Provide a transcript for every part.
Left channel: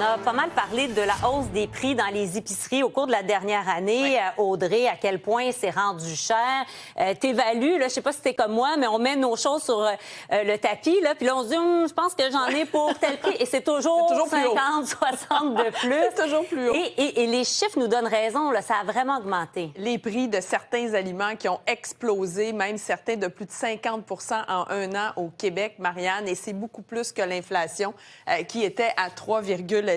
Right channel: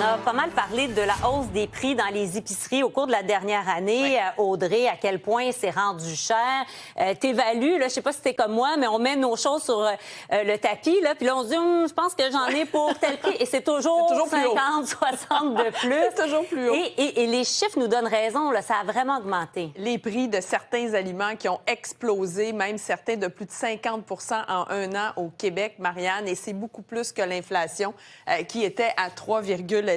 On a pas mal parlé de la hausse des prix dans les épiceries au cours de la dernière année. Audrey, à quel point c'est rendu cher. T'évalues, là, je sais pas si t'es comme moi, mais on met nos choses sur le tapis, là, puis là, on se dit, je pense que j'en ai pour tel prix. Et c'est toujours 50, 60 de plus. C'est toujours plus haut. Et les chiffres nous donnent raison, là, ça a vraiment augmenté. Les prix de certains aliments qui ont explosé, même certains de plus de 50 en un an au Québec, Marianne, et c'est beaucoup plus que l'inflation qui était à 3,17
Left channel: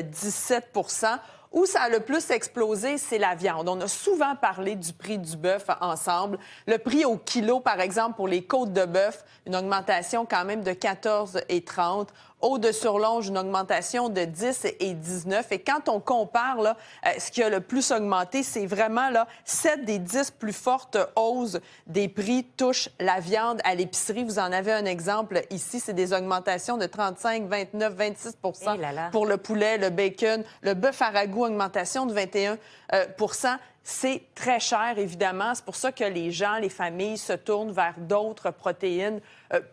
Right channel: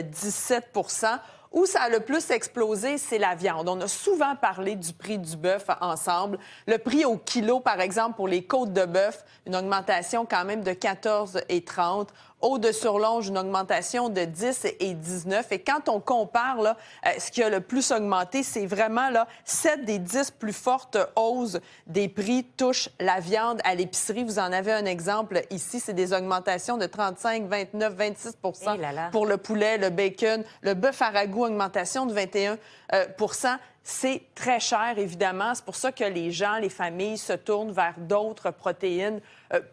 %. Où ça a le plus explosé, c'est la viande. On a souvent parlé du prix du bœuf ensemble. Le prix au kilo, par exemple, pour les côtes de bœuf, une augmentation quand même de 14,30 $. Eau de surlonge, une augmentation de 10 et 19. Et quand on compare, là, ce qui a le plus augmenté, c'est vraiment là, 7 des 10 plus fortes hausses des prix touchent la viande à l'épicerie. Vous en avez un exemple ici, c'est des augmentations de 35, 29, 26 pour le poulet, le bacon, le bœuf à ragoût, augmentation de 21 %. C'est très cher, évidemment. C'est pour ça que les gens, les familles se tournent vers d'autres protéines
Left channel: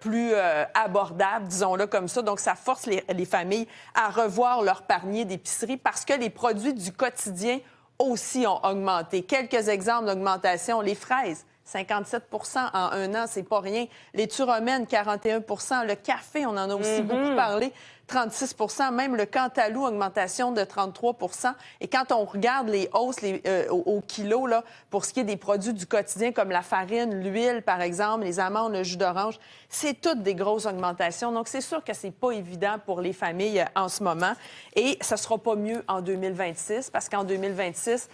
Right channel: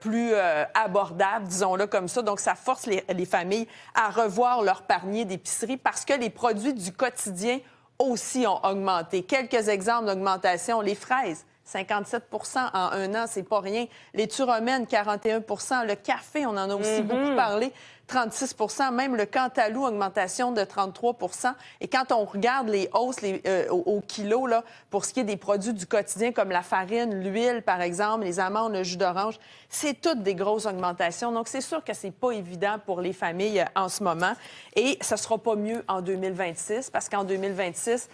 plus abordables, disons-le comme ça. Donc, ça force les familles à revoir leur panier d'épicerie parce que les produits du quotidien aussi ont augmenté. Quelques exemples d'augmentation. Les fraises, 57 % en un an, c'est pas rien. Les romaines, 41 %. Le café, on en a aussi beaucoup parlé, 36 %. Même le cantalou, augmentation de 33 %. Et quand on regarde les hausses au kilo, là, pour ce qui est des produits du quotidien, comme la farine, l'huile, par exemple, les amandes, le jus d'orange, c'est toutes des grosses augmentations. Donc, c'est sûr que c'est pas évident pour les familles en ce moment. Et ça sera pas mieux en 2026, parce qu'en 2026,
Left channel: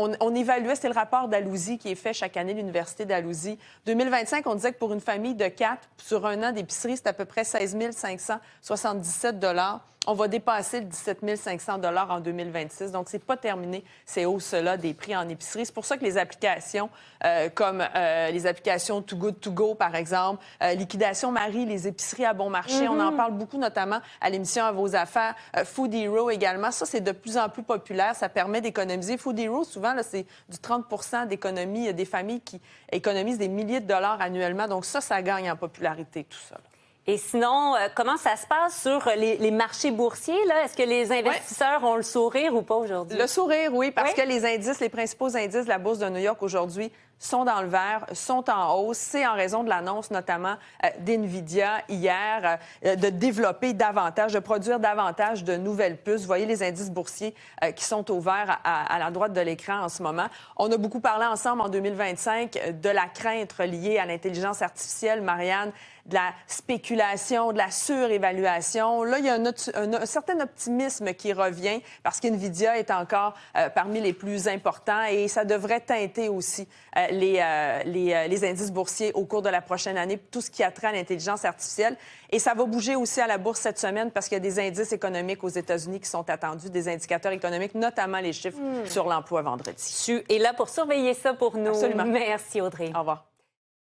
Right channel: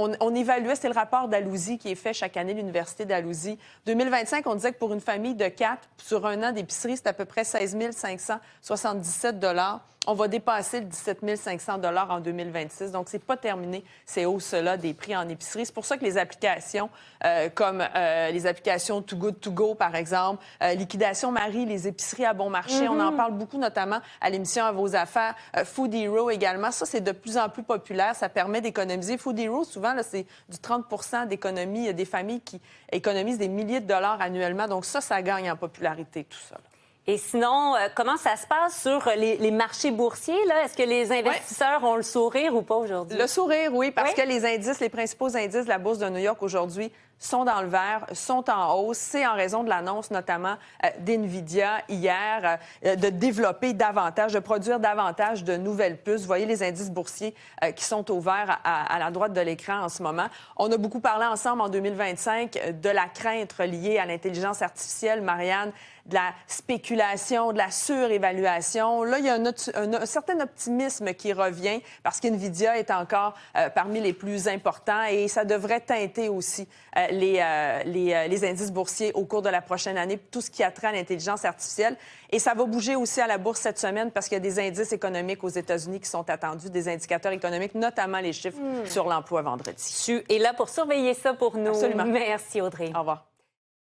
on évaluait, c'est le rapport d'Alousie qui est fait chaque année à l'Université d'Alousie. 2025, on disait que pour une famille de 4, sur un an d'épicerie, c'est à peu près 16 577 $. On va dépasser le 17 500 $ en 2026. Donc, c'est pas terminé, ces hausses-là des prix en épicerie. C'est pour ça que les applications comme les applications Too Good To Go, par exemple, Liquidation Marie, les épiceries à bon marché, on en parle beaucoup, notamment à l'émission À vos affaires, Food Hero également. Ça, c'est de plus en plus populaire. Ça permet d'économiser. Food Hero, souvent, là, c'est du 30 % d'économie. Il y a des familles qui économisent des milliers de dollars annuellement. Donc ça gagne en popularité, tout ça. Et sinon, comment ça se passe sur les marchés boursiers, là? Est-ce que les investisseurs ont le sourire ou pas aujourd'hui? Le sourire, oui, parce que les principaux indices de la Bourse de New York aujourd'hui sont dans le vert, sont en hausse. C'est en raison de l'annonce notamment d'NVIDIA hier de développer davantage, de produire davantage de nouvelles puces. Vous voyez les indices boursiers qui sont au vert à la droite de l'écran en ce moment. On a beaucoup parlé ensemble en 2025 de la crainte liée à l'intelligence artificielle, Marianne, de la spéculation, de la surévaluation. Là, il y a un certain optimisme qui revient parce qu'NVIDIA est encore parmi les plus importants et ça devrait teinter aussi les indices boursiers au cours de la prochaine année, tout ce qui a trait à l'intelligence artificielle. Et ça va bouger aussi à la bourse cette semaine parce qu'il y a des indices économiques aux États-Unis qui sont attendus, des indicateurs économiques, notamment les chiffres sur l'emploi vendredi. Tu es là pour surveiller ça pour nous. Absolument. Merci, Audrey. Au revoir.